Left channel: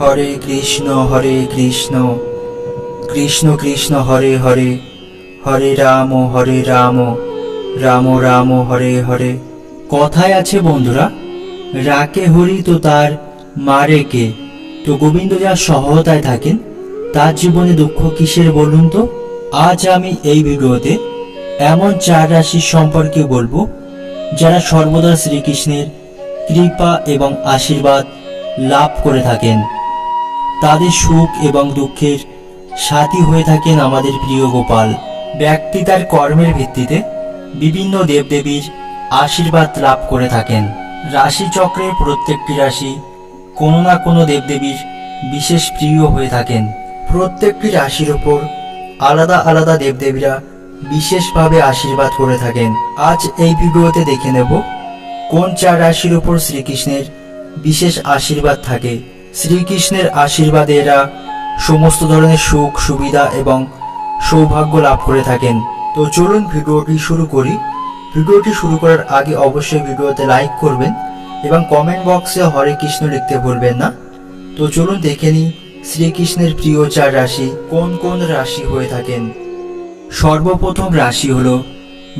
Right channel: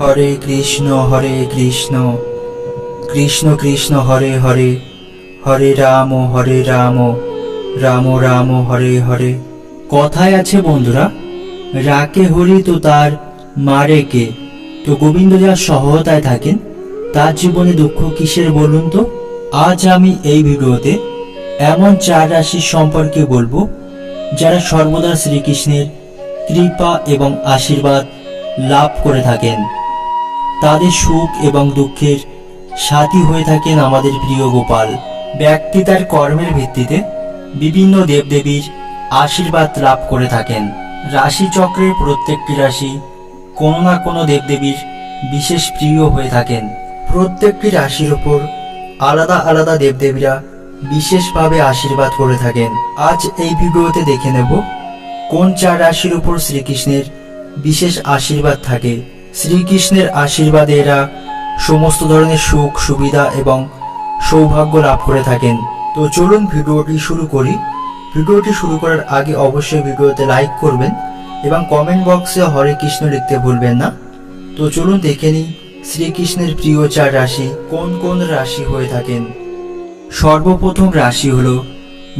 হরে কৃষ্ণ হরে কৃষ্ণ। কৃষ্ণ কৃষ্ণ, হরে হরে। হরে রাম হরে রাম। রাম রাম, হরে হরে। কথায় আছে বন্ধুরা, রাকে হরি তো তার মারে কে? তো গোবিন্দ যা সহায়তায় থাকেন, তার জীবনে দুঃখ কিসের বলুন তো? আজ আমি এই ভিডিওতে এমন চার রাশির সম্পর্কে বলব, যারা সর্বদা শ্রীকৃষ্ণের কৃপা এবং আশীর্বাদ লাভ করে থাকেন। তাদের সুখ এবং দুঃখের সাথী হয়ে থাকেন আমাদের প্রিয় গোপাল। ব্যক্তি তার কর্মের ভিত্তিতে বিভিন্ন দেবদেবীর আশীর্বাদ লাভ করে থাকেন। রাশিচক্রের প্রত্যেকটি রাশি কোনো না কোনো দেবদেবীর বিশেষ প্রিয় হয়ে থাকেন। প্রত্যেকটি রাশির ওপর আলাদা আলাদা দেবদেবীরা বিশেষভাবে আশীর্বাদ করে থাকেন। আজ এই ভিডিওতে দেখে নেব কোন চার রাশির উপর শ্রীকৃষ্ণের বিশেষ আশীর্বাদ থাকে। শ্রীকৃষ্ণের আশীর্বাদে এরা সমস্ত ধরনের সুখ, সুবিধা এবং সৌভাগ্য লাভ করে থাকেন। তো চলুন ভিডিওটি শুরু করি। ভিডিওটি শুরু করার আগে অবশ্যই ভিডিওতে লাইক করবেন এবং কমেন্ট বক্সে হরে কৃষ্ণ লিখতে ভুলবেন না। তো চলুন দেখে নিই শ্রীকৃষ্ণের প্রিয় চার রাশি কোন কোন রাশি হয়ে থাকেন। সর্বপ্রথম রাশি হল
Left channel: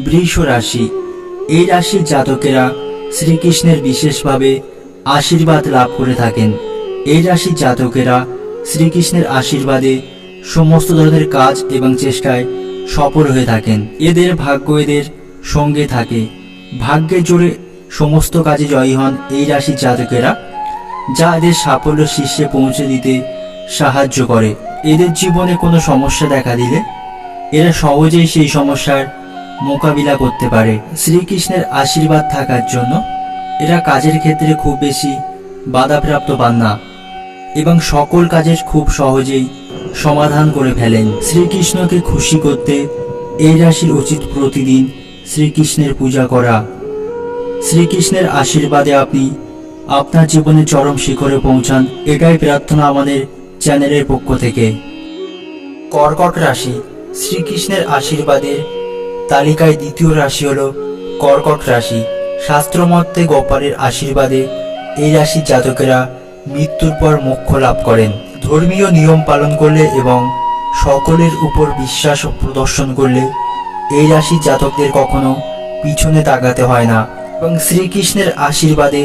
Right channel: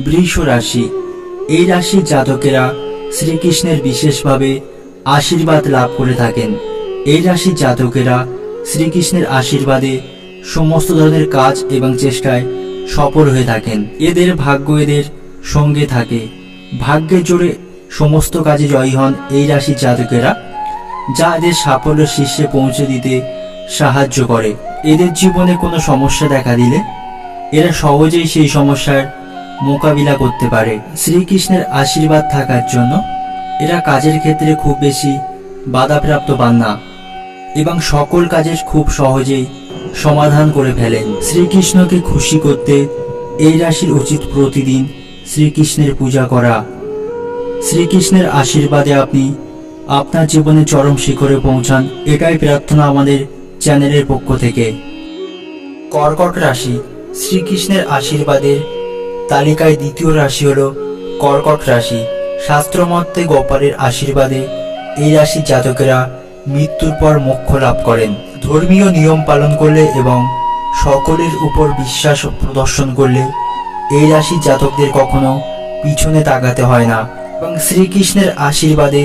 বৃষ রাশি। এই রাশির জাতকেরা শ্রীকৃষ্ণের বিশেষভাবে আশীর্বাদ লাভ করে থাকেন। এই রাশির জাতকেরা শ্রীকৃষ্ণের আশীর্বাদে সমস্ত ধরনের কাজ এবং চেষ্টায় সফল হয়ে থাকেন। এদের ভাগ্য এদের সঙ্গে থাকে। ভাগ্যের জোরে সমস্ত কাজে জয়ী হন এই রাশির জাতকেরা, যা এদের সাফল্য শীর্ষে পৌঁছে দিতে সাহায্য করে। এদের জীবনে কোনো সমস্যা দেখা দিলে এরা সহজেই সেই সমস্যার মোকাবিলা করতে পারে। শ্রীকৃষ্ণের আশীর্বাদ থাকার জন্য এরা কাজের ক্ষেত্রে খুব বেশি বাধাপ্রাপ্ত পান না। এবং সকল কাজের খুব সহজেই সমাধান করে ফেলেন। শ্রীকৃষ্ণকে খুশি করতে এই রাশির উচিত প্রতিদিন শ্রীকৃষ্ণের পূজা করা। শ্রীকৃষ্ণের আশীর্বাদে আপনি আপনার জীবনে চরম শিখরে পৌঁছান, এটাই প্রার্থনা আমাদের চ্যানেলের পক্ষ থেকে। কর্কট রাশি, শ্রীকৃষ্ণের আশীর্বাদের তালিকায় দ্বিতীয় রাশি হল কর্কট রাশি। শাস্ত্রমতে গোপালের আশীর্বাদে এই রাশির জাতকেরা মৃত্যুর পর মোক্ষ লাভ করেন। ধর্মীয় নিয়ম পালন করলে এবং সকলের উপর বিশ্বাস প্রদর্শন করলে এই রাশির জাতকদের কখনো পিছনে তাকাতে হয় না। এবং শ্রীকৃষ্ণের আশীর্বাদে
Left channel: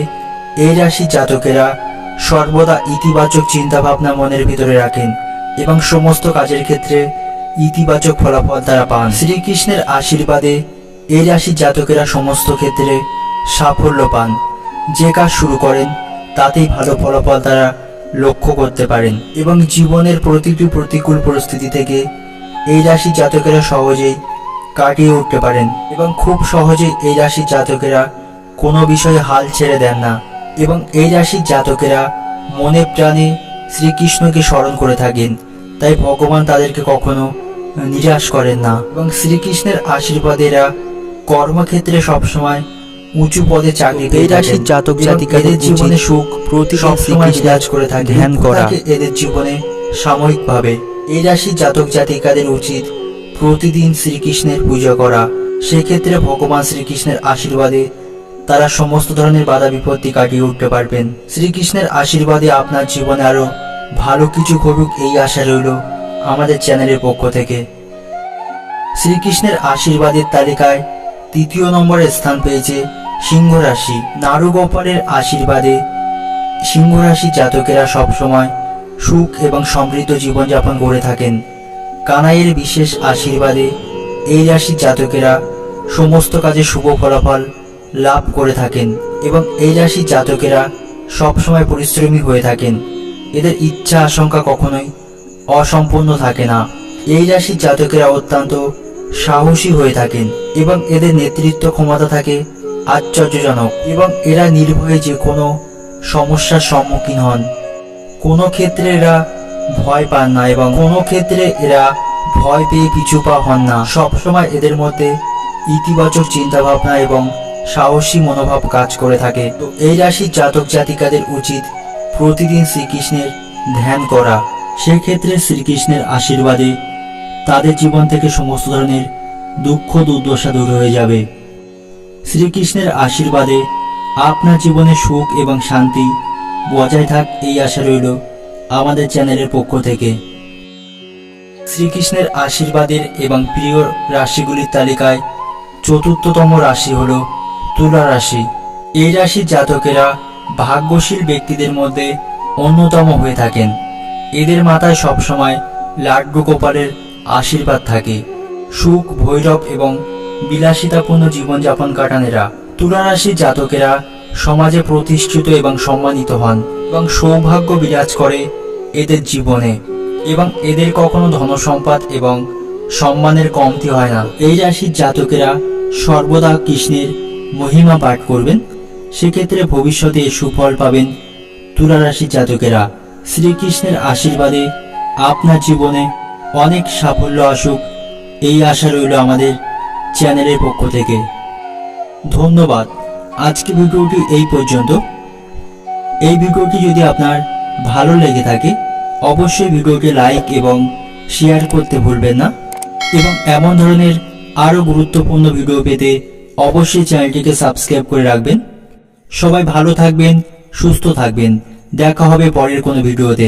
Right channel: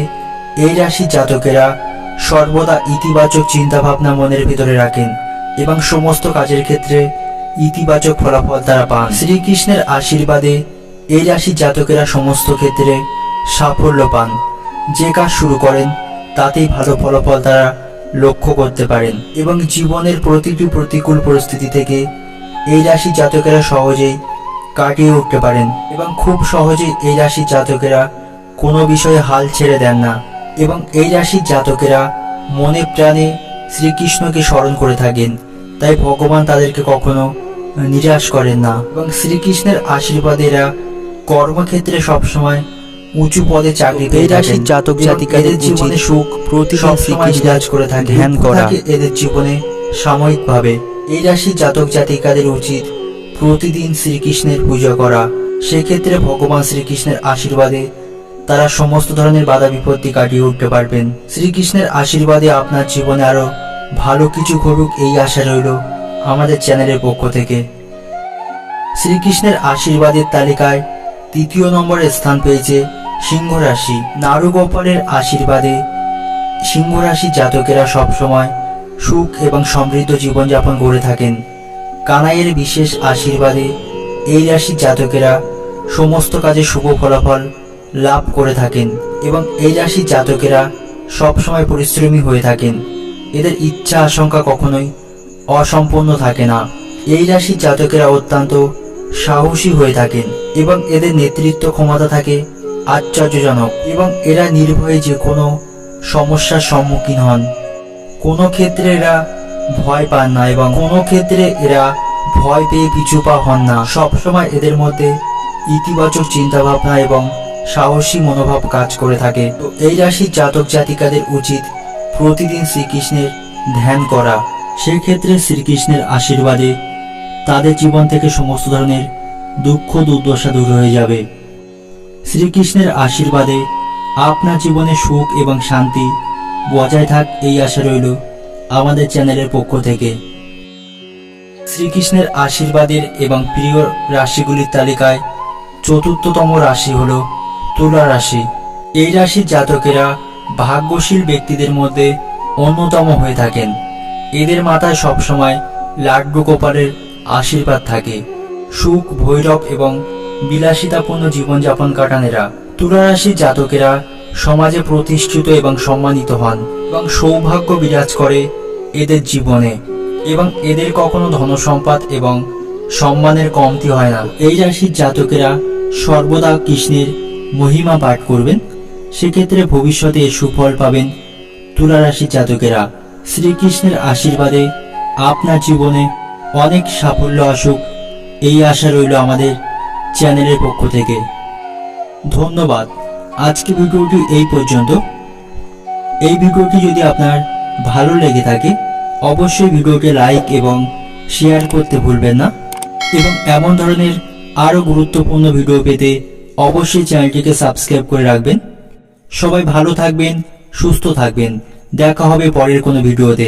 এই রাশির জাতকেরা সর্বদা ইতিবাচক চিন্তাভাবনা মনের ভিতরে রাখেন এবং সমস্ত কাজের ক্ষেত্রে ইতিবাচক ফলাফল তারা পান। শ্রীকৃষ্ণের আশীর্বাদে এই রাশির জাতকেরা সমস্ত ক্ষেত্রে সাফল্য পান। যে কাজ শুরু করেন তাতেই ভালো ফলাফল তারা লক্ষ্য করতে পারেন এবং জীবনের প্রতিটি প্রতিকূল পরিস্থিতি থেকে এই রাশির জাতকেরা সহজেই কাটিয়ে উঠতে পারেন এবং খুব সহজেই এই রাশির জাতকেরা কোনো বিষয়ে হাল ছেড়ে দেন না এবং এই রাশির জাতকেরা মনে প্রাণে শ্রীকৃষ্ণকে স্মরণ করে থাকেন। তাই ভগবান তাদেরকে কখনো নিরাশ করেন না এবং শ্রীকৃষ্ণের আশীর্বাদেরা কর্মক্ষেত্রে সবসময় উঁচু পদে চাকরি এই রাশির জাতক জাতিকাদের জীবনে উচিত সুখ প্রতিদিন শ্রীকৃষ্ণ করে থাকে ধ্যান করা। এদের জীবনে সাময়িকভাবে এই রাশির জাতক জাতিকাদের উচিত প্রতিদিন শ্রীকৃষ্ণের পূজা করা। সেক্ষেত্রে ভগবান শ্রীকৃষ্ণের আশীর্বাদে তারা সমস্ত ধরনের বাধা বিপত্তি কাটিয়ে উঠতে পারবেন। শ্রীকৃষ্ণের আশীর্বাদে আপনার জীবনে আরও ভালো কিছু ঘটুক এই আশা রইল আমাদের চ্যানেলের পক্ষ থেকে। শ্রীকৃষ্ণের আশীর্বাদের তালিকায় তৃতীয় নম্বরে স্থান পেয়েছে সিংহ রাশি নারু গোপালের আশীর্বাদে। সিংহ রাশি জাতকেরা সবসময় সুখ এবং সমৃদ্ধ জীবনযাপন করে থাকেন। কানাইয়ের বিশেষ আশীর্বাদে এই রাশির জাতকেরা সমস্ত কাজে শুভ ফলাফল লাভ করে থাকেন এবং এই রাশির জাতকেরা সবসময় পরিশ্রমী হয়ে থাকেন। এদের ইচ্ছা আশঙ্কা কখনোই অসম্পূর্ণ থাকে না। এই রাশির জাতকেরা অত্যন্ত সাহসী হয়ে থাকেন এবং এদের নেতৃত্ব ক্ষমতা থাকে আশ্চর্যজনক এবং এরা নির্ভয়ে যে কোনো সমস্যার সম্মুখীন হন। কোনো ক্ষেত্রে এরা ভয় পান না এবং কোনো ক্ষেত্রে এরা ভয় পেয়ে পিছু পা হন না। সবসময় এদের মধ্যে ইতিবাচক চিন্তাভাবনা এবং সাহসী মনোভাব কাজ করে থাকে। তো এই রাশির জাতক জাতিকাদের উচিত প্রতিদিন শ্রীকৃষ্ণের ধ্যান করা। সেক্ষেত্রে শ্রীকৃষ্ণের আশীর্বাদে তাদের জীবন থেকে সমস্ত ধরনের দুঃখ দুর্দশা দূর হয়ে যাবে। শ্রীকৃষ্ণের আশীর্বাদে আপনার জীবনে সুখ এবং শান্তি বজায় থাক এই আশা রইল আমাদের চ্যানেলের পক্ষ থেকে। শ্রীকৃষ্ণের আশীর্বাদের এবং প্রিয় রাশিগুলির তালিকায় চতুর্থতম রাশি হল তুলা রাশি। এই রাশির জাতকেরা ভাগ্যশীল ব্যক্তিদের মধ্যে অন্যতম হয়ে থাকেন। এদের মাথায় সবসময় লাড্ডু গোপালের আশীর্বাদ থাকে। সুখ, ভৈরব এবং বিলাসিতাপূর্ণ জীবনযাপন কাটানেরা তুলা রাশির জাতকেরা সমাজে প্রতিষ্ঠিত এবং সম্মানিত হন এবং সৌভাগ্য বিরাজ করে এদের জীবনে এবং এদের কখনো ধনসম্পদ এবং সম্মানের কমতি হয় না। এই রাশির জাতকেরা সর্বদা কৃষ্ণের মহিমা পাঠ করবেন। সেক্ষেত্রে ভবিষ্যতে সুফল পাবেন তুলা রাশির জাতকেরা। শ্রীকৃষ্ণের আশীর্বাদে আপনার জীবনে অনেক সাফল্য আসুক। এই আশা রইল আমাদের চ্যানেলের পক্ষ থেকে। ধন্যবাদ। আজকে ভিডিওটি এই পর্যন্ত। এই ভিডিওটি যদি আপনার ভালো লেগে থাকে, অবশ্যই ভিডিওটি লাইক এবং শেয়ার করতে ভুলবেন না। এবং এমন ধরনের আরও গুরুত্বপূর্ণ ভিডিও পেতে অবশ্যই চ্যানেলটিকে সাবস্ক্রাইব করে রাখবেন। সবাই ভালো থাকবেন, সুস্থ থাকবেন। দেখা হবে পরের কোনো ভিডিওতে।